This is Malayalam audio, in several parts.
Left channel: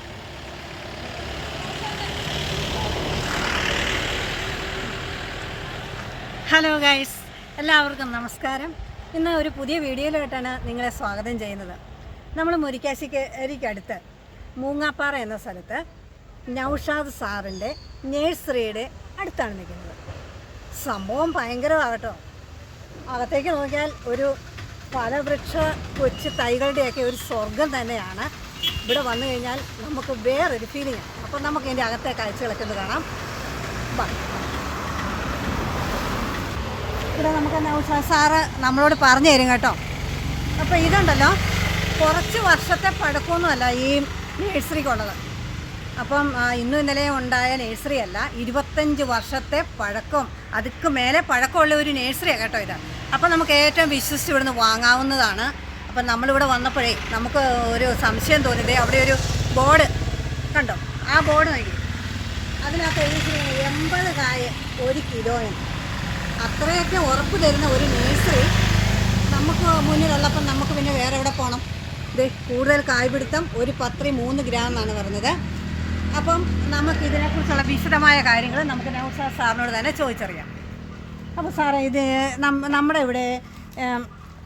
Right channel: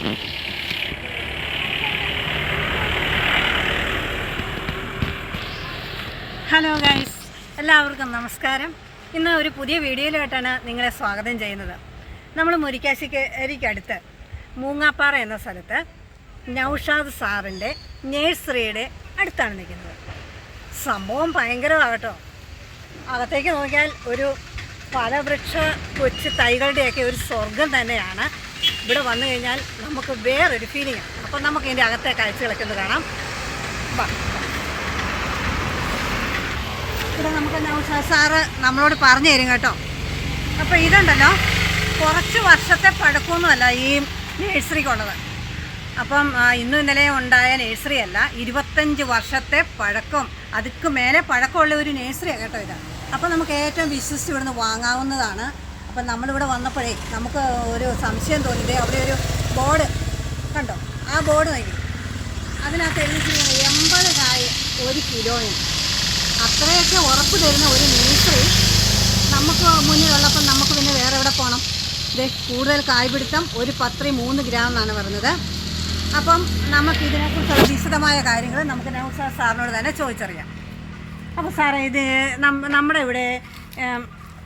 ഹലോ ഗൈസ് എല്ലാവർക്കും നമസ്കാരം. ഇന്ന് ഒരു പുതിയ വീഡിയോയിലായിട്ടാണ് നിങ്ങളെ സ്വാഗതം ചെയ്യുന്നത്. നമ്മൾ മുരിക്കാശിക്ക് മുരിക്കാശ്ശേരിക്കടുത്ത് മൂങ്ങാപ്പാറ എന്ന സ്ഥലത്ത് നൗഷാദ് സാറിന്റെ നേഴ്സറിയുടെ അടുത്താണ് നിൽക്കുന്നത്. സംഭവം ഭയങ്കരമാകട്ടോ അകത്തേക്ക് നോക്കിയാൽ ഒരു ഫലവൃക്ഷ കൊച്ചു തൈകളുടെയൊക്കെ ഒരു സ്വർഗം തന്നെയാണ്. ഇവിടെ വന്നു കഴിഞ്ഞാൽ നമുക്ക് വേറൊരു ആണ്. അപ്പം നമുക്ക് ഇതിന്റെ അകത്തെ കാഴ്ചകളൊക്കെ ഒന്ന് കാണാം. ഇവിടെ നമുക്ക് നൗഷാദ് സാറ് നമ്മളോട് പറഞ്ഞു തരും കേട്ടോ. അപ്പോൾ ഇതുണ്ടല്ലോ കുറച്ച് വർഷത്തെ പഴക്കമൊന്നുമല്ല ഈ നേഴ്സറിക്കുള്ളത്. അപ്പം ഇന്നും ഇന്നലെ ഉണ്ടായ നേഴ്സറി അല്ല ഇരുപത്തഞ്ച് വർഷത്തെ പഴക്കം. അതുക്ക് മേലെ പഴക്കമുള്ള ഒരു നേഴ്സറിയാണ് കേട്ടോ ഇത്. അപ്പം നമുക്ക് ഏറ്റവും വിശ്വസിച്ച് ഇവിടുന്ന് വാങ്ങാവുന്നതാണ് അപ്പം നമ്മളിവിടെ വന്നപ്പോഴേ നമുക്ക് ഒരു സംശയം തോന്നിയതേ അവിടെ ഒരു ബോർഡ് കണ്ടോ? ആ ബോർഡ് നോക്കി. അതിനകത്ത് എനിക്ക് എൺപത് കായ ഒരു കിലോയും. അത്രയൊക്കെ ഉറപ്പ് തരുന്ന ഒരു നേഴ്സറി നമുക്ക് മുന്നിൽ ഉള്ളപ്പോൾ നമുക്ക് പിന്നെ വേറെ എവിടെ പോകണം ഇത് കൂടുതൽ കായ്പിടുത്തം ഒരു പത്രി മൂന്ന് ഗ്രാം എന്നാണ് പറഞ്ഞത്. അപ്പം നമുക്ക് ഇതിനെക്കുറിച്ച് വിശദമായ കാര്യങ്ങൾ നമുക്ക് നൗസ സാറിനോട് തന്നെ ചോദിച്ചറിയാം. അപ്പോൾ സാറേ ഇത് നമ്മുടെ ഇവിടെ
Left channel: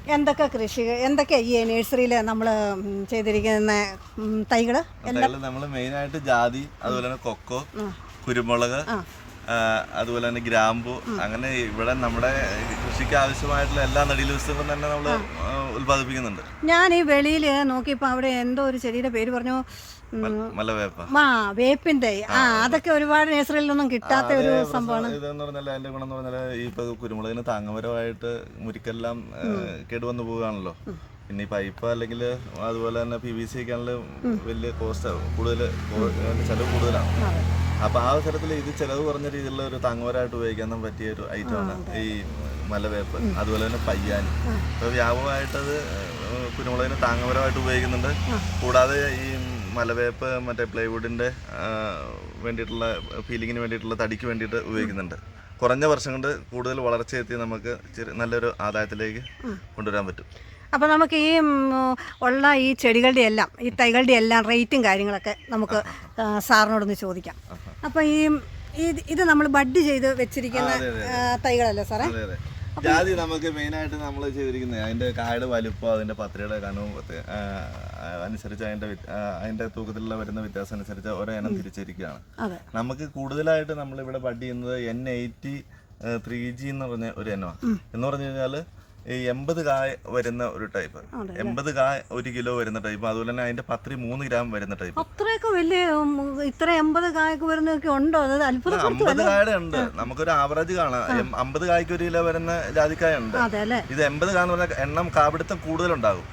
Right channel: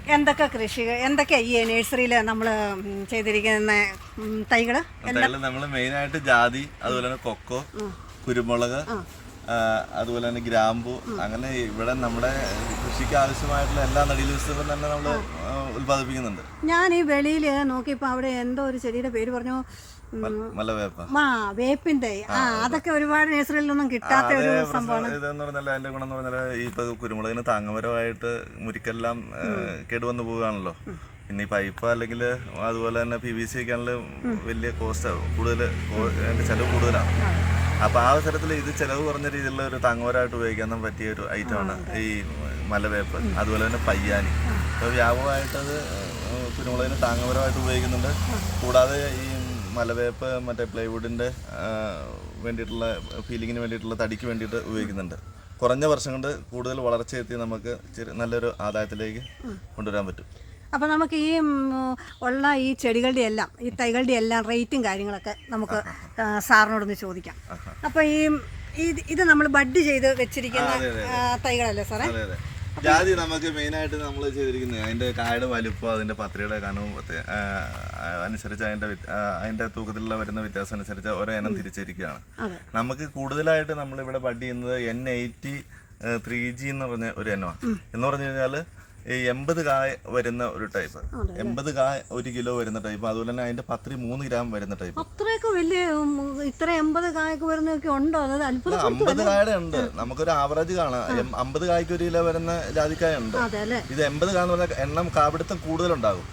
എന്തൊക്കെ കൃഷി എന്തൊക്കെ ഈ നഴ്സറിയിൽ നമ്മൾ ചെയ്തിരിക്കുന്ന തൈകൾ തൈകൾ? മെയിനായിട്ട് ജാതി അതുപോലെ തന്നെ കൊക്കോ കുരുമുളക് അതുപോലെ തന്നെ ഗ്രാമ്പു അങ്ങനെ ഇവിടെ നമ്മുടെ കൃഷിക്ക് ആവശ്യമായിട്ടുള്ള എല്ലാ നടീലൂസുകളും തന്നെ നമ്മൾ ഉത്പാദിപ്പിക്കുന്നുണ്ട് ഞാൻ ഈ വെളിയിൽ നോക്കിയപ്പോൾ അവിടെ എന്തോ ഒരു ചെടിയുടെ പേര് പറഞ്ഞു ആ വേപ്പിന്റെ ആ അതൊക്കെ ഒരുപാട് നേസറിലൊന്നും കിട്ടാത്ത ഒരു സംഭവം ഇതെന്ന് പറഞ്ഞാൽ അതിന്റെ ഗുണം എന്ന് പറഞ്ഞാൽ ഇപ്പൊ കുരുമുളകിന് താങ്ങമരമായിട്ട് മുരിക്കെല്ലാം കേടുവന്നു പോവുകയാണല്ലോ. പിന്നെ ഈ പൈപ്പ് അല്ലെങ്കിൽ അതുപോലെ തന്നെ പി വി സി ഒക്കെ ആണെങ്കിൽ വലിയ കോസ്റ്റ് കൂടുതൽ ചെലവ് കൂടുതലാണ്. അപ്പൊ ആ അവസരത്തിൽ ഇത് ചെലവ് കുറഞ്ഞ രീതിയിലുള്ള ഒരു താങ്ങുമരമായിട്ട് ഉപയോഗിക്കാൻ പറ്റിയ ഒരു ഐറ്റം ആണ് ഈ മലവേപ്പ്. അതുപോലെ തന്നെ പയ്യാനി. അത് വ്യാപകമായിട്ട് അത് ഏഹ്, കുരുമുളകിന് താങ്ങപരമായിട്ട് ഉപയോഗിക്കുന്നുണ്ട്. കൂടാതെ ഈ മലവേപ്പ് മറ്റേ പ്ലൈവുഡിന്റെ വേണ്ടിയിട്ടുള്ള ഫീലിങ്ങിന് വേണ്ടിയിട്ടുള്ള തടിക്ക് വേണ്ടിയിട്ട് ഉപയോഗിക്കുന്നുണ്ട്. കുറഞ്ഞ വർഷം കൊണ്ട് കൂടുതൽ വളർച്ചയെത്തി നമുക്ക് നല്ലൊരു ആദായത്തിലേക്ക് കൊണ്ടുവരാൻ പറ്റും. അപ്പോൾ നമുക്ക് ഈ ഉള്ള ഈ ചെടികളുടെ എല്ലാം ഈ തൈകളുടെ എല്ലാം റേറ്റും കാര്യങ്ങളൊക്കെ നമുക്ക് സാറിനോടൊന്ന് ചോദിക്കാം. അപ്പോൾ ഈ ഇത് നമ്മൾ ബഡ് ചെയ്ത് വെച്ചിരിക്കുന്ന തൈകളല്ലേ സാറേ? ജാതി നമുക്ക് മെയിൻ ആയിട്ട് നമ്മൾ ചെയ്തിരിക്കുന്നത് അതിന്റെ കായുടെ വലുപ്പം അതിന്റെ പത്രയുടെ കനവും അനുസരിച്ച് അതിന്റെ അതിന്റെ തൂക്കത്തിലുള്ള വരുന്ന വ്യത്യാസം അനുസരിച്ച് ഓരോ ഇനം തിരിച്ചിരിക്കുകയാണ്. നമുക്ക് കൂടുതലായിട്ട് നമ്മൾ ഇവിടെ ബഡ് ചെയ്യുന്നത് എൻ എയ്റ്റി ത്രീ ജി എന്ന് പറഞ്ഞ ഒരു ഇനമാണ്. എന്ന് പറഞ്ഞു കഴിഞ്ഞാൽ ഈ എൺപത് കായ വരുന്ന ഒരു ടൈപ്പ് എൺപത് കായ ഒരു കിലോ വരുന്ന ടൈപ്പ് അതുപോലെ തന്നെ അതിന്റെ പത്രി മൂന്ന് ഗ്രാം വരുന്ന ടൈപ്പ് അത്രയൊക്കെ വലിയ ഇത്ര എൺപത് കായൊക്കെ വരുന്നതൊക്കെ ഉണ്ടോ? അത് അത്ഭുതം അമ്പത് കായുടെ ഉണ്ട്. നമുക്കൊരു ആവറേജ് കാണാം. അമ്പത് കായ്ക്ക് ഒരു കിലോ വരുന്ന ജാതിക്കായ ഉണ്ട്. ഇത് എൺപത് കാന്ന് പറഞ്ഞാൽ എണ്ണം കാപിടുത്തം കൂടുതലുണ്ടാകും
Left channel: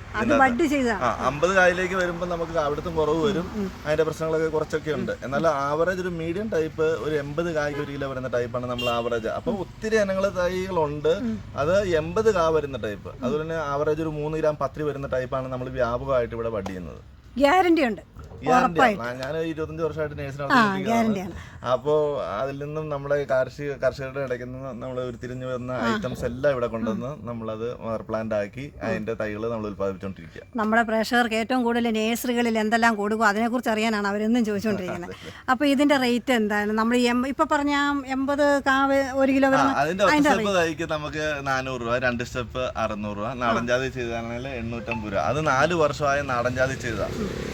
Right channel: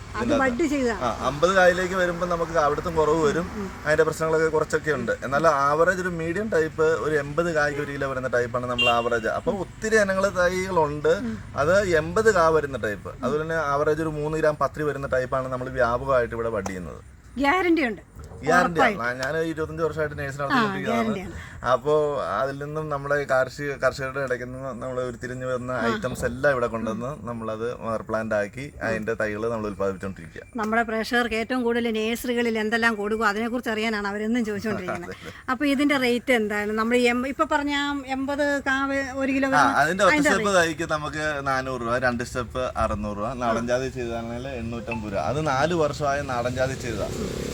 അമ്പത് കായലേക്ക് വരുമ്പോൾ നമുക്ക് കാപിടുത്തം കുറവ് വരും. അതിന്റെ പ്രശ്നങ്ങളൊക്കെ കുറച്ചൊക്കെ ഉണ്ട്. എന്നാൽ ആവറേജ് ഒരു മീഡിയം ടൈപ്പ് ഒരു എൺപത് കായ്ക്ക് ഒരു കിലോ വരുന്ന ടൈപ്പാണ് നമ്മൾ ആവറേജ് അപ്പൊ ഒത്തിരി ഇനങ്ങൾ തൈകളുണ്ട്. അത് എൺപത് കാ വരുന്ന ടൈപ്പ് അതുപോലെ തന്നെ ആവറേജ് ഒരു മൂന്ന് ഗ്രാം പത്രി വരുന്ന ടൈപ്പാണ് നമ്മൾ വ്യാപകമായിട്ട് ഇവിടെ വഡ് ചെയ്യുന്നത് ഗ്യാരണ്ടി ഉണ്ട് ഗ്യാരണ്ടി ഞാൻ ഇരുപത്തഞ്ച് വർഷമായിട്ട് നേഴ്സിനെ നടത്തിക്കൊണ്ടിരിക്കുന്നതാണ് അപ്പോൾ അതിൽ നിന്നും നമ്മുടെ കാർഷിക കർഷകരുടെ ഇടയ്ക്ക് നിന്ന് നമ്മൾ ഉരുത്തിരിഞ്ഞ് വരുന്ന ഐറ്റംസ് എല്ലാം ഇവിടെ കൊണ്ടുവന്ന് നമ്മളത് മദർ പ്ലാന്റ് ആക്കി അതിന്റെ തൈകൾ നമ്മൾ ഉത്പാദിപ്പിച്ചുകൊണ്ടിരിക്കുക നമ്മുടെ പ്രേക്ഷകർക്ക് ഏറ്റവും കൂടുതൽ നേഴ്സറികളിൽ എന്തെല്ലാം കൊടുക്കും അതിനെക്കുറിച്ച് അറിയാനാണ് അവരെന്നും ചോദിച്ചുകൊണ്ടിരിക്കുന്നത് അപ്പോൾ ഇതിന്റെ റേറ്റ് എന്താണ്? നമ്മൾ ഇപ്പൊ പറഞ്ഞ എൺപത് കാവ് ഒരു കിലോ അതിന്റെ ഒറ്റ സ്റ്റെപ്പ് തൈക്ക് നമുക്ക് നാനൂറ് രൂപ രണ്ട് സ്റ്റെപ്പ് അറുന്നൂറ് രൂപ. നാടൻ ജാതി ചെയ്താണെങ്കിൽ എണ്ണൂറ്റമ്പത് രൂപ. അത് നാല് വർഷമായ നാടൻ ജാതി ചെയ്താ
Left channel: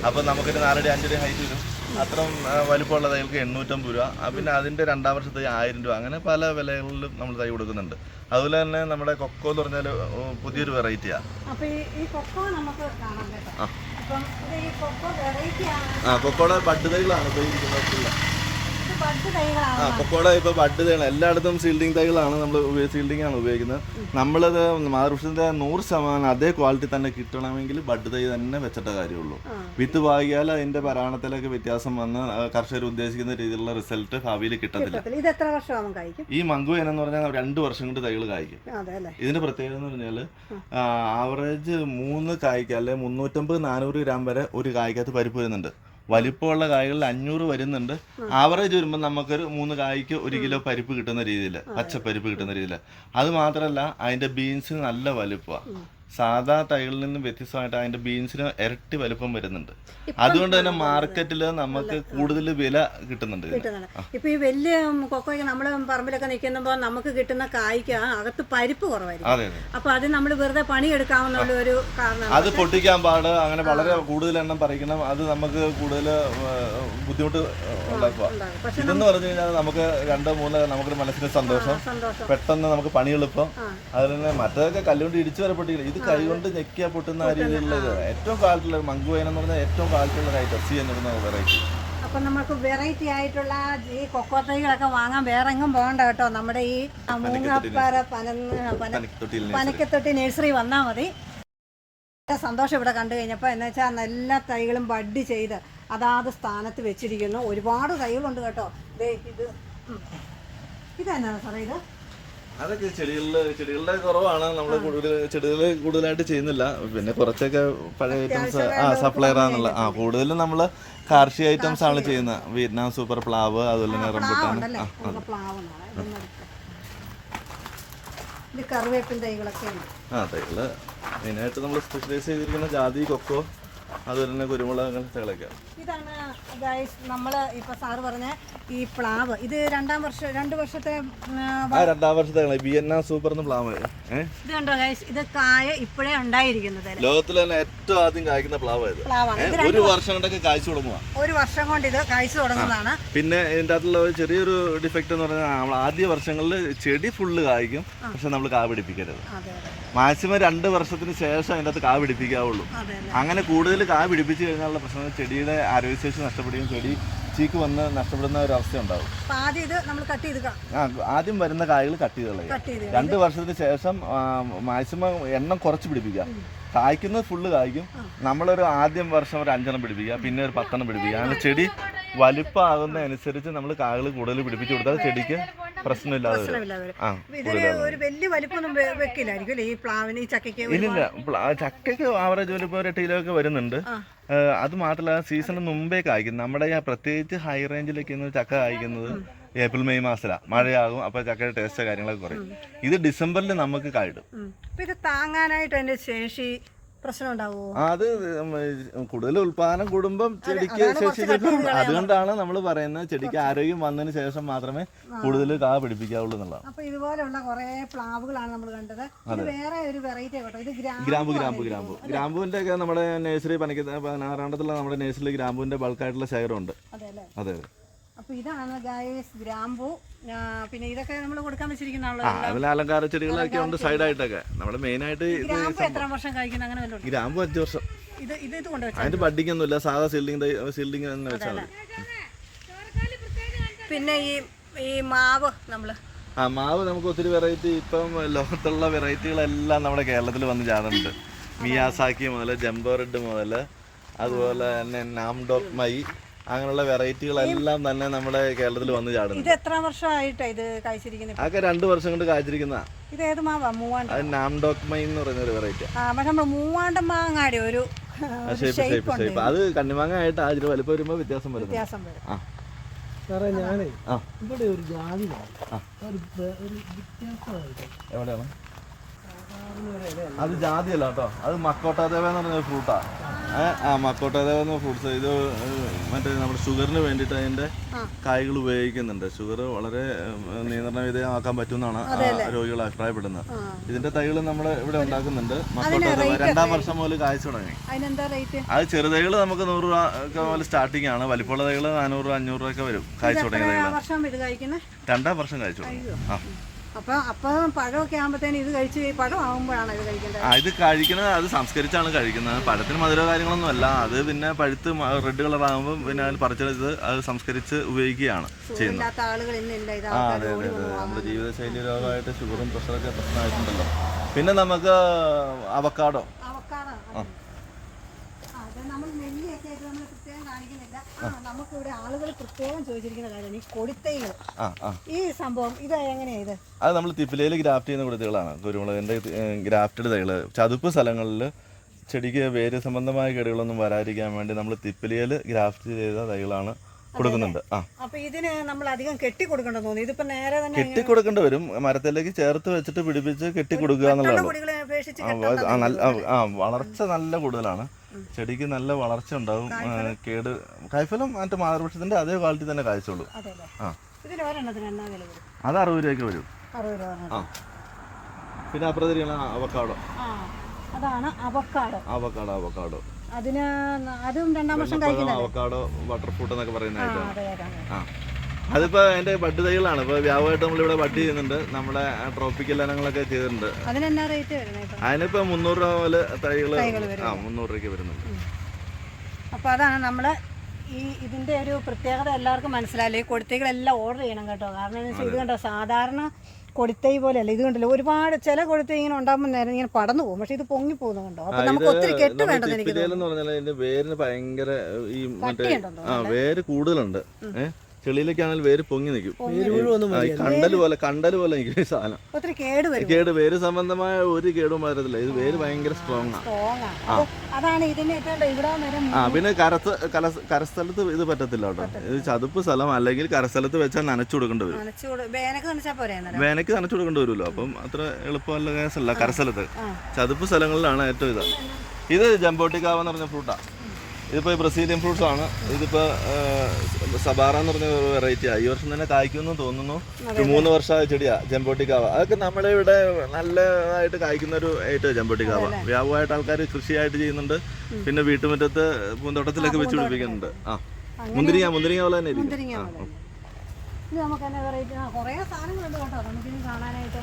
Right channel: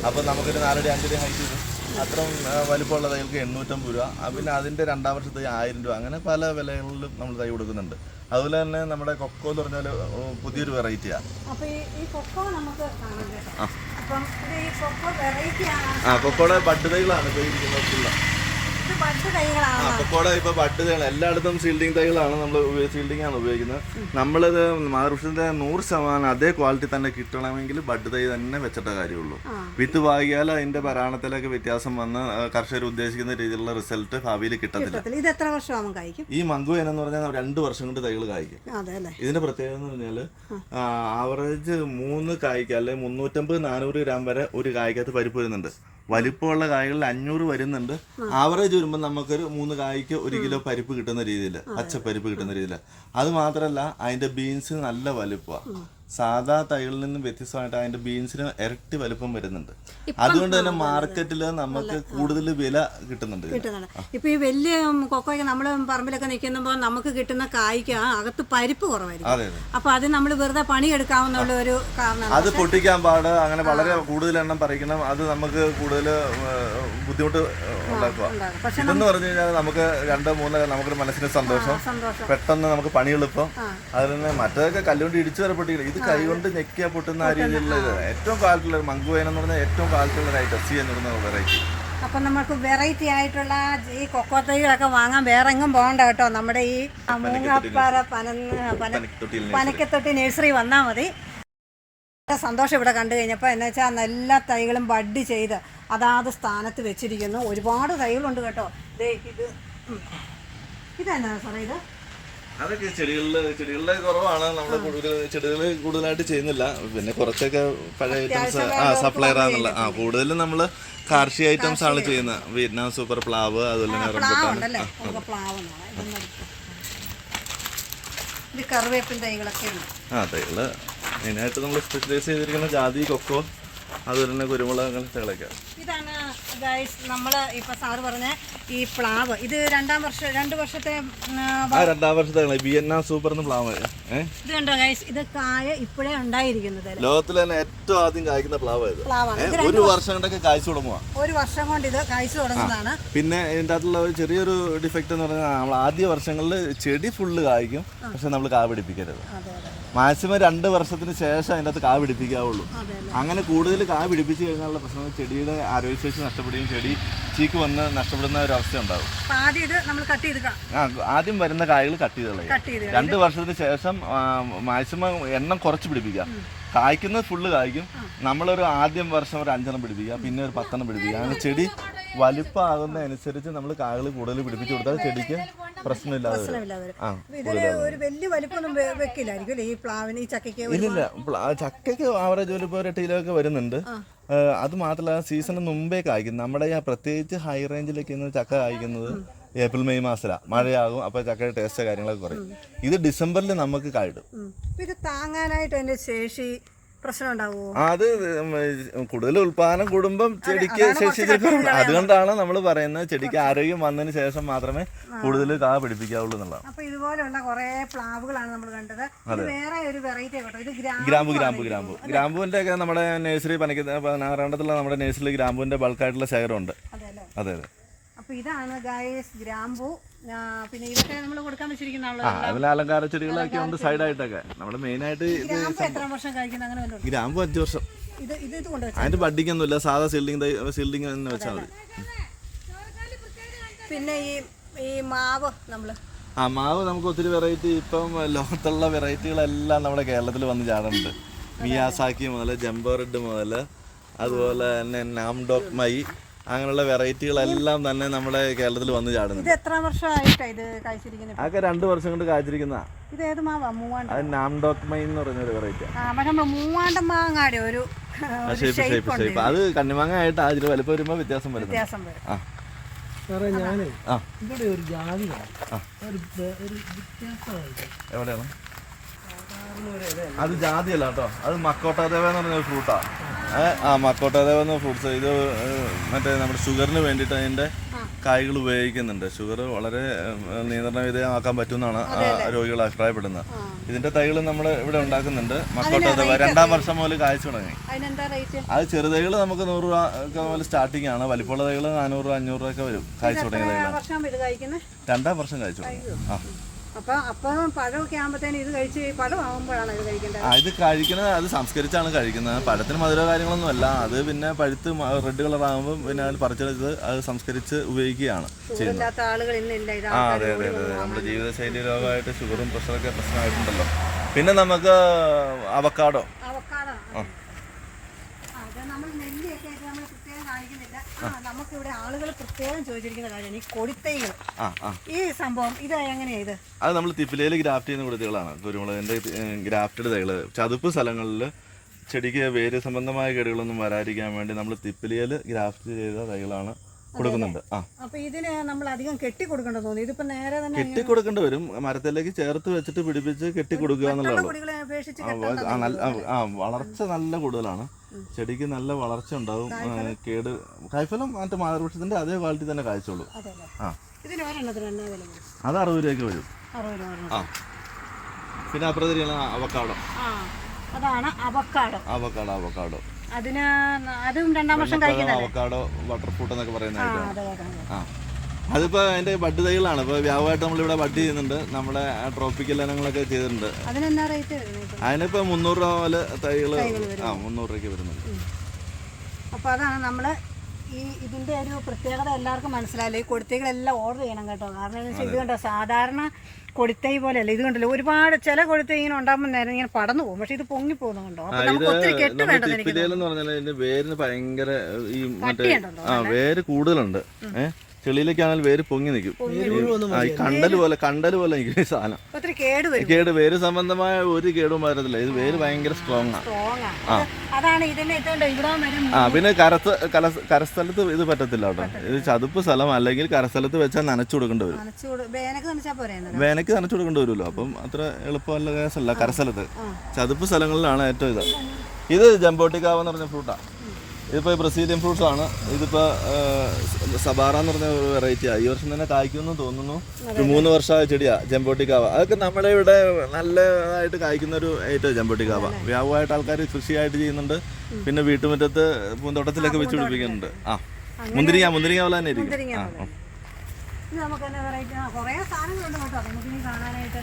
അപ്പോൾ നമുക്കൊരു നാലടി അഞ്ചടി ഹൈറ്റ് വരും. അത്രയും വലുപ്പമുള്ള തൈകൾക്ക് എണ്ണൂറ്റമ്പത് രൂപ. പിന്നെ അതിന്റെ രണ്ടാം വർഷത്തെ ആയിരം രൂപ. അങ്ങനെ പല വിലകളിലും നമ്മൾ തൈ കൊടുക്കുന്നുണ്ട്. അതുപോലെ തന്നെ നമ്മുടെ കൊക്കോ എന്ന് പറഞ്ഞാൽ പുതിയൊരു വെറൈറ്റിയാണ് ആ. കൊക്കോടെ ബഡ് തൈകളാണ് ഇപ്പോൾ ഇരിക്കുന്നത് ഇപ്പൊ ബഡ് തൈകൾ എല്ലായിടത്തും സീൽഡിംഗ് തൈകളാണ് നമ്മൾ സീൽഡിംഗ് ആണ് ഉപയോഗിക്കുന്നത്. നമ്മളത് മാറുഷത്തിന്റെ നൂറ് ശതമാനം അതേ ക്വാളിറ്റി തന്നെ കിട്ടണമെങ്കിൽ ബഡ് തൈ തന്നെ വെച്ചിട്ട കാര്യമുള്ളൂ. വിത്ത് വാങ്ങിയാൽ അതിന്റെ പരാണത്തിലൊക്കെ വ്യത്യാസം വന്ന് കർഷകർ ഉദ്ദേശിക്കുന്ന രീതിയിലുള്ള റിസൾട്ട് ഭാവിയിൽ കിട്ടത്തില്ല. ഇത് എത്ര വർഷമാകും ഈ മങ്കു എന്ന് പറഞ്ഞാൽ രണ്ട് വർഷം കൊണ്ട് തൈകൾ കായ്ക്കും. ഇതിന്റെ പ്രത്യേകത എന്ന് പറഞ്ഞാൽ ആവറേജ് മൂന്ന് കായ്ക്ക അല്ലെങ്കിൽ മുന്നൂറ്റമ്പത് നാനൂറ് ഗ്രാം വരെ ഒരു കായ്ക്കകത്ത് പരിപ്പ് വരുന്നുണ്ട്. വലിപ്പമുള്ള കായ്കളിൽ അഞ്ഞൂറ് വരുന്നുണ്ട്. ആവറേജ് വരുമ്പോൾ നമുക്കൊരു മൂന്ന് കായ്ക്ക് ഒരു കിലോ പരിപ്പ് കിട്ടുന്ന രീതിയിൽ പച്ചപ്പരിപ്പ് കിട്ടുന്ന രീതിയിൽ അത് മാത്രമല്ല അതിന്റെ ബീൻസ് നല്ല വലുപ്പമാണ് സാധാ തൈകളിൽ നിന്നും വ്യത്യസ്തമായിട്ട് അതിന്റെ ബീൻസിന് ഇരട്ടി വലുപ്പം വരുന്നുണ്ട്. അതുകൊണ്ട് തന്നെ മാർക്കറ്റിൽ നമുക്ക് കൂടുതൽ വില കിട്ടുന്നുണ്ട്. ഇപ്പൊ ഈ വലിയ കൊക്കോയ്ക്ക് നമ്മൾ പറമ്പിലൊക്കെ നിൽക്കുമ്പോൾ നമുക്ക് കിട്ടുന്ന കായ്ക്ക് അകത്ത് പരിപ്പ് കുറവായിരിക്കും. അപ്പൊ അത് നമ്മൾ വെറുതെ പണിയെടുക്കാമെന്നുള്ള ഒരു കാരണം അത് പൊട്ടിക്കാൻ പാട് അങ്ങനെ വളരെ കൂടുതൽ എണ്ണം പറിക്കണം. അത് നമുക്ക് കൂടുതൽ ബുദ്ധിമുട്ട് ഉണ്ടാക്കുക. ഉണ്ടാകും. ഇതെന്ന് പറഞ്ഞു കഴിഞ്ഞാൽ നമുക്ക് രണ്ടോ മൂന്നോ നമുക്ക് മനസ്സിന് സന്തോഷം. പെട്ടെന്ന് നമുക്ക് പണി എളുപ്പം അതിൽ നിന്ന് മറ്റേതൊക്കെ കല്ലുകൊണ്ട് ഇടിച്ചു വരെ പൊട്ടിക്കില്ല ഇത് കൈ കൊണ്ട് ഞെക്കിയാ പൊട്ടുന്ന ആ രീതിയിലുള്ള ഏറ്റവും കാലത്തുള്ള മങ്കുവേന എന്ന് പറഞ്ഞാൽ ഏറ്റവും കാലത്തുള്ള ഐറ്റം. സി എന്ന് പറഞ്ഞ വെറൈറ്റി അപ്പൊ നമുക്ക് വെറൈറ്റി ആയിട്ടുള്ള ഈ കൊക്കോ തൈകളൊക്കെ വാങ്ങാൻ വേറെ എങ്ങും പോകണ്ട കേട്ടോ. നമ്മുടെ ഈ മൂങ്ങാപ്പാറ പനന്ന് പന പനക്കത്തൊട്ടി നഴ്സറി വന്നാൽ മതി. സന്തോഷം ഇവിടെ കണ്ടു കഴിഞ്ഞപ്പോൾ എന്ന് വെച്ചാൽ എല്ലാ തൈകളും ബഡ് ചെയ്ത് അതാത് സ്ഥാനത്ത് വെച്ചിരിക്കുന്നു. ഒരുപാട് തൈകളുണ്ട് കേട്ടോ. ദേ ഇത്. ഇതെന്നാ സാറേ ഇത് അതൊക്കെ ചെടികളിൽ ചെടികളുടെ കുറവാണ്. നമ്മൾ കൂടുതൽ ചെടികൾ കൂടുതലായിട്ട് ചെയ്യുന്നില്ല. പിന്നെ കുറച്ചൊക്കെ പഴയ ഐറ്റംസ് ആ സപ്ലൈർ ആണെന്നുള്ള ആ കൂടുതലും നമ്മൾ കാർഷിക ഐറ്റംസ് ആണ് ചെയ്യുന്നത്. വിയറ്റ്നാം സൂപ്പർ പ്ലാവ് അതുപോലെ തന്നെ കറിവേപ്പിൻ തൈകളൊക്കെ ആ തൈകൾ മെയിനായിട്ട് നമ്മൾ സ്പെഷ്യലൈസ് ചെയ്തിരിക്കുന്ന ജാതി കൊക്കോ അതുപോലെ തന്നെ കുരുമുളക് തിളയ്ക്കാം. ഇതാണ് ഗൈസ് നമ്മൾ ഇപ്പൊ സാറ് പറഞ്ഞ ഈ പ്ലാവ്. ഇത് രണ്ടാം വർഷം രണ്ട് വർഷത്തെ ആ രണ്ടാം വർഷത്തെ വിയറ്റ്നാം സൂപ്പർ എന്ന് പ്ലാവ്. ഇത് കണ്ടോ ഗൈസ് ഇത് കായ ഇപ്പോഴേ ഉണ്ടായിരിക്കുന്നത്. ലോകത്തിൽ തന്നെ ഏറ്റവും ആദ്യം കായ്ക്കുന്ന പ്ലാവ് ഇത്. പ്ലാവാണ്. ഒരു വർഷം കൊണ്ടൊക്കെ കായ്ച്ചു തുടങ്ങുക ഒരു വർഷം കൊണ്ട് ഇത് കായ്ച്ചു തുടങ്ങുന്നതാണ്. പിന്നെ ഇതിന്റെ അകത്തുള്ള ഒരു ചെറിയൊരു ഡിഫക്റ്റ് എന്ന് പറഞ്ഞാൽ നമ്മൾ ആദ്യ വർഷങ്ങളിൽ ചെടി ഫുള്ള് കായ്ക്കും പക്ഷെ നമ്മൾ കാ പിടിപ്പിക്കരുത്. മാക്സിമം രണ്ട് വർഷത്തിന് ശേഷം അതിന്റെ അകത്ത് കാ പിടിപ്പിക്കാവുള്ളൂ. അങ്ങനെ കൂടുതൽ കാ പിടിപ്പിച്ച് കഴിഞ്ഞാലുള്ള പ്രശ്നം ചെടിയുടെ ആരോഗ്യശേഷി നഷ്ടപ്പെടുകയും ചെടി ചീക്ക് വന്ന് നഷ്ടപ്പെടുന്ന ഒരു അവസ്ഥ ഉണ്ടാവും ആദ്യം ഇത് നമ്മൾ കട്ട് ചെയ്ത് ആ ആദ്യം വരുന്ന കായകൾ കട്ട് ചെയ്ത് കളയുക. രണ്ട് വർഷത്തിന് ശേഷം മാക്സിമം എണ്ണം കുറച്ച് പിടിപ്പിക്കുക. കായ്ക്കുന്നത് ഫുള്ള് കായ്ക്കും. നമ്മളൊരു ആദ്യം വർഷം ഒരു അഞ്ചെണ്ണം പിടിപ്പിക്കുക. പിന്നെ ഒരു പത്തെണ്ണം പിടിപ്പിക്കുക. അങ്ങനെ ചെടി വലുപ്പമാകുന്നതനുസരിച്ച് നമ്മൾ കായകൾ കൂടുതൽ പിടിപ്പിച്ചു കൊടുത്താൽ ചെടിക്ക് പ്രശ്നമില്ലാതെ വരും. ഇല്ല ആ ഇതിന് ഒരു വലിയ വലിപ്പൊന്നും വെ- വെക്കില്ലായിരിക്കും അല്ലേ? ഈ പ്ലാവിന് ഈ ചക്കയ്ക്ക് ഒരു- ഇല്ലില്ല പ്ല- ചക്കയ്ക്ക് ആവറേജ് ഒരു ഇപ്പോൾ ഒരു എട്ട് കിലോ ഒക്കെ വരുന്നുണ്ട് ഏഹ് അത് മാത്രമല്ല സീസണിന് മുമ്പേ കായ്ക്കും നമ്മുടെ ഈ പ്രത്യേകിച്ച് ഹൈ റേഞ്ചിലൊക്കെ ചക്ക കായ്ക്കുന്നത് ഏപ്രിൽ മെയ് മാസത്തിലാണ് മഴയാകും അപ്പോൾ ചക്കയുടെ ടേസ്റ്റ് കാര്യങ്ങളൊക്കെ കുറയും. ഇത് ഡിസംബറിൽ നമുക്ക് കായിടും. ഉം. അപ്പൊ ഇത് താങ്ങാനായിട്ട് അതിന്റെ ശേഷി അത് കൂടുതൽ ഉൽപാദനം കൂടുമ്പം ചെടിക്ക് ശേഷി അതുകൊണ്ടാണ് നമ്മൾ പറയുന്നത് ചെടിക്ക് ആരോഗ്യം വന്നതിന് ശേഷം മാത്രമേ കൂടുതൽ കാ പിടിപ്പിക്കാവുള്ളൂ എന്നുള്ളതാണ്. അപ്പൊ ഇതുപോലെയുള്ള കുറെ പ്ലാവുകളാണ് നമ്മൾ കണ്ടത്. ഇത് വേറെ ഒരു വെറൈറ്റി ഇത് ഗ്രാമ്പു ഗ്രാമ്പു ഗ്രാമ്പു ഗ്രാമ്പു. ഗ്രാമ്പുവിന്റെ ഒക്കെ നമ്മുടെ നഴ്സറി പണിക്കുന്ന പതിനാറാണ്ടത്തിലുള്ള നമ്മുടെ നഴ്സറിയിൽ ഗ്രാമ്പുവിന്റെ ബൾക്കായിട്ടുള്ള ശേഖരമുണ്ട്. അതെ അതെ. അതെ അപ്പൊ ഇതാണ് ഗായസ് ഗ്രാമ്പൂ. പിന്നെ ഇതൊക്കെ നമ്മൾ കൊടുക്കാൻ അതിൽ അലങ്കാര ചെടികളൊക്കെ ഉണ്ട് സൈഡായിട്ടൊക്കെ. നമ്മുടെ മെയിനായിട്ട് ഗ്രാമ്പു എത്ര വർഷം കഴിക്കുന്ന അങ്ങനെ വല്ലതും ഗ്രാമ്പൂ അഞ്ച് വർഷം. ഇത് ഇത് ഇത് കൊണ്ടുവച്ചാൽ അതിന്റെ ബഡ്ഡിങ് സാധാ സീൽഡിങ് സീൽഡിങ് എന്ന് വെച്ചാൽ പിന്നെ ഈ ഈ മാവ് നമ്മൾ. ആ മാവ് നമുക്ക് ഒത്തിരി വെറൈറ്റി ഇപ്പം ലോകത്തുള്ള വെറൈറ്റികളെല്ലാം നമ്മുടെ കേരളത്തിൽ വന്ന് ചാടുന്നുണ്ട്. മിയാസാക്കി മുതൽ ജംബോ റെഡ് മുതൽ അതുപോലെ തന്നെ നാംഡോക് മൈ അങ്ങനെയുള്ള വെറൈറ്റികളെല്ലാം തന്നെ നമ്മുടെ കേരളത്തിൽ വന്ന് ചാടുന്നു ഇത് എത്ര വർഷമായിട്ടാ ഇത് അതൊക്കെ രണ്ട് വർഷം കൊണ്ട് കായ്ച്ചിരിക്കുന്ന ഇത് ഏത് മാവാ? മൂവാണ്ട അത് നാം ഡോക്മൈ എന്ന് പറയുന്ന ഒരു വെറൈറ്റി. ആ നമ്മൾ മൂവാണ്ട മാങ്ങാടി ഒരു ഒരു ഷേപ്പ് ഷേപ്പ് ഷേപ്പ് ഉണ്ട് അത് കണ്ണിമാങ്ങ ആയിട്ട് അതിൽ വലുപ്പം വരുമ്പോൾ വ്യത്യാസം വരും വ്യത്യാസം വരും. സാറേ ഞാനേ ഇവിടെ ഒരു ജാതി. ഒരു വ്യത്യാസമായിട്ട്. എവിടെയാണ്? അത് ജാതിയല്ല കേട്ടോ. അത് മക്കോട്ടാദേവ എന്ന് പറഞ്ഞ ഫ്രൂട്ടാ ആ മക്കോട്ടാദേവ എന്ന ഫ്രൂട്ട്സ് ഇത് മറ്റേ നമ്മുടെ ഷുഗറിന് വേണ്ടിയിട്ട് അതിന്റെ കായ്കൾ ഉപയോഗിക്കുന്നുണ്ട്. ഷുഗർ വളരെ നിയന്ത്രണ വിധേയമാക്കാൻ പറ്റുമെന്നാണ് രോഗികൾ അഭിപ്രായപ്പെടുന്നത്. ഇതിന്റെ തൈകൾ നമ്മൾ ഇവിടെ ഉണ്ടാക്കുന്നുണ്ട്. മക്കോട്ടാദേവ രണ്ടാം വർഷം മുതൽ കായ്ച്ചു തുടങ്ങി. അത് ചെറുതൈകൾ നമുക്ക് നൂറ് രൂപ ഒക്കെ മുതൽ സ്റ്റാർട്ടിംഗ് ആണ്. വലിപ്പമുള്ള തൈകൾ നാനൂറ് രൂപ അഞ്ഞൂറ് രൂപ ഒക്കെ വരും. കായ്ച്ചു തുടങ്ങിയ തൈകൾ രണ്ടാം വർഷം കായ്ച്ചു തുടങ്ങി. ആ. ഇത് കഴിക്കുന്നത് അത് സംസ്കരിച്ചാണ് കഴിക്കുന്നത്. പഴത്തിന് മധുര കാര്യങ്ങളൊന്നും അല്ല അത് പിന്നെ പഴുത്ത് റെഡ് കളർ ആകുമ്പോൾ പിന്നെ അത് പറിച്ചെടുത്ത് അത് സംസ്കരിച്ച് ഉപയോഗിക്കുകയാണ് ചെയ്യുന്നത്. ആ അതെ അതെ അതെ നമ്മുടെ ജീവിതശൈലി രോഗമായിട്ട് ഷുഗറും പ്രഷറൊക്കെ പ്രശ്നമായിട്ടുണ്ടല്ലോ. പിന്നെ നമുക്ക് അവക്കാടോ. ആ. അത് നമ്മൾ നെല്ലിയൊക്കെ ആയിട്ട് നമ്മൾ പ്രത്യേകം കാണിക്കുന്നില്ല. നമുക്കിവിടെ ആളുകൾ പ്രത്യേകം ചോദിച്ചിരിക്കുന്ന കാര്യമാണ് ഈ കൊടിത്തൈകൾ. ഈ സംഭവം ഇത് എങ്ങനെയാ ഇത്? അത് നമ്മൾ തിപ്പിലയിൽ ഗ്രാഫ്റ്റ് ചെയ്യുന്ന കൊടുത്തുകളാണ് കുരുമുളകിന്റെ ഗ്രാഫ്റ്റഡ് തൈകൾ ചതുപ്പ് സ്ഥലങ്ങളിൽ ചെടിക്ക് വേര് സംബന്ധമായ കേടുകളൊന്നും വരാതിരിക്കാൻ വേണ്ടി നമ്മൾ തിപ്പിലയിൽ ഗ്രാഫ്റ്റ് ചെയ്ത തൈകളാണ് കൊടുക്കുന്നുണ്ട്. ആ. അപ്പൊ ഇതിന് നമ്മൾ അധികം കെട്ടി കൊടുക്കണ്ടെന്ന് തോന്നി ഇതിപ്പോ നേരെ തന്നെ കെട്ടി കൊടുക്കേണ്ടി വരും. മരത്തിലേക്ക് ചേർത്ത് വെച്ചിട്ട് പിടിപ്പിച്ച് കെട്ടി കൊടുക്കുക എന്നുള്ളതാണ്. വളർച്ച നല്ല കൂടുതലാണ്. ചെടിക്ക് നല്ല വളർച്ച ഉണ്ടാവും കേട് കായ്ഫലം മറ്റേ മാതൃപക്ഷത്തിന്റെ അതേ ക്വാളിറ്റി തന്നെ കായ്ച്ചോളൂ അതെ ആ. അറുപത് രൂപയ്ക്ക് വരും. ആ. പിന്നെ അപ്പുറത്തിരിക്കുന്ന അവക്കാടോ. അതാണ് അവക്കാടോ. Avocado avocado. അതിന് അതും രണ്ടാം വർഷം കഴിക്കുന്നത് അവക്കാടോ വാട്ടർ ഫ്രൂട്ട് എന്നൊക്കെ പറയുന്നത് ആ. അതിപ്പോ അതിന്റെ ബഡ് തൈകളാണ്. ഇപ്പൊ വ്യാപകമായിട്ട് നമ്മളിവിടെ ബഡ് ചെയ്യുന്നുണ്ട്. നമ്മുടെ ട്രോപ്പിക്കൽ ഇനങ്ങളൊക്കെ ചെയ്തിട്ടുണ്ട്. അതിനിപ്പോ മുന്നൂറ് രൂപ പോലെ തൈകൾ ആ മുന്നൂറ് രൂപയ്ക്ക് വരുന്നുണ്ട്. അപ്പൊ അതാണ് നമ്മൾ ഈ ഇതിന്റെ ഒരു പ്രത്യേകത എല്ലാവർക്കും മനസ്സിലായല്ലോ ഈ കൊടിത്തൈകളെല്ലാം ഓർഡർ ചെയ്യണം കേട്ടോ. കാരണം എന്താ വെച്ചാൽ ഇത് കണ്ടോ? സാധാരണ കൊടിത്തൈ പോലെയല്ല. ഇത് കണ്ടല്ലോ? ഒരുപാട് ചില കൊടിത്തൈ ഇങ്ങനെ ഉണ്ടാകുമ്പോൾ നേരം ഇങ്ങനെ പടന്നു പോകും. പക്ഷെ ഇത് പൊങ്ങി പോകുന്നുണ്ടോ അപ്പൊ നമുക്ക് ഒത്തിരി കെട്ട് വേണ്ടത് എനിക്ക് വേരിന് ഭയങ്കര ഈ വേര് കൂടുതലുണ്ട്. ഏഹ് ചെളിയിലേക്കാണെങ്കിൽ വേര് പൊങ്ങി നിൽക്കും. കണ്ടൽ പോലെ കണ്ടൽ പോലെ നിൽക്കും ഈ സാധനം. കേട് വരും. സംബന്ധമായ ഒരു കേടും വരത്തില്ല. ഇത് വേര് ഭയങ്കര സ്ട്രോങ് ആണ് ആ. പിന്നെ കരത്ത് കരസ്ഥലത്ത് ഇത് പറ്റത്തില്ല കേട്ടോ. ഇത് ചതുപ്പ് സ്ഥലം അല്ലെങ്കിൽ കരസ്ഥലത്ത് വെച്ചാൽ നനച്ചു കൊടുക്കേണ്ടി വരും. വേനക്ക് നനച്ചു കൊടുക്കേണ്ടി വരുമല്ലോ. അപ്പം അത്ര എളുപ്പമല്ല കേസല്ല കരസ്ഥലത്ത്. ചതുപ്പ് സ്ഥലങ്ങളിലാണ് ഏറ്റവും ഇത്. ഇത് ജംബോട്ടിക്കാവെന്ന് പറഞ്ഞ ഫ്രൂട്ടാണ് ഇതിപ്പോൾ ബ്രസീലിയൻ ഫ്രൂട്ട്സ് ആണ്. ഇതിപ്പോൾ സബാറ എന്ന് പറഞ്ഞ ഒരു വെറൈറ്റിയാണ് ഈ വർഷം തന്നെ കായ്ക്കുമെന്ന് തോന്നുന്നു. മൂന്ന് വർഷമായ ചെടിയാ ജമ്പോട്ടിക്കാവ അതൊക്കെ നമ്മളെ ഇവിടെ നല്ലതായിട്ട് കായ്ക്കുന്ന ഒരു ഐറ്റം ജമ്പോട്ടിക്കാവ വ്യാപകമായിട്ട് ആൾക്കാർ കൃഷിയായിട്ട് ചെയ്യുന്നുണ്ട്. പിന്നെ വീട്ടുമുറ്റത്ത് പൂന്തോട്ടത്തിലൊക്കെ വെച്ച് പിടിപ്പിക്കുന്നുണ്ട്. ആ. മുന്തിരിങ്ങ മുന്തിരിങ്ങ പോലെ തന്നെ ഇരിക്കും. മുന്തിരിങ്ങ ആ പോലെ. ഇത് നമുക്ക് തന്നെ വെറൈറ്റി കുറേ സാധനങ്ങളുണ്ട് കേട്ടോ. നമുക്കിനി കാണാനായിട്ട്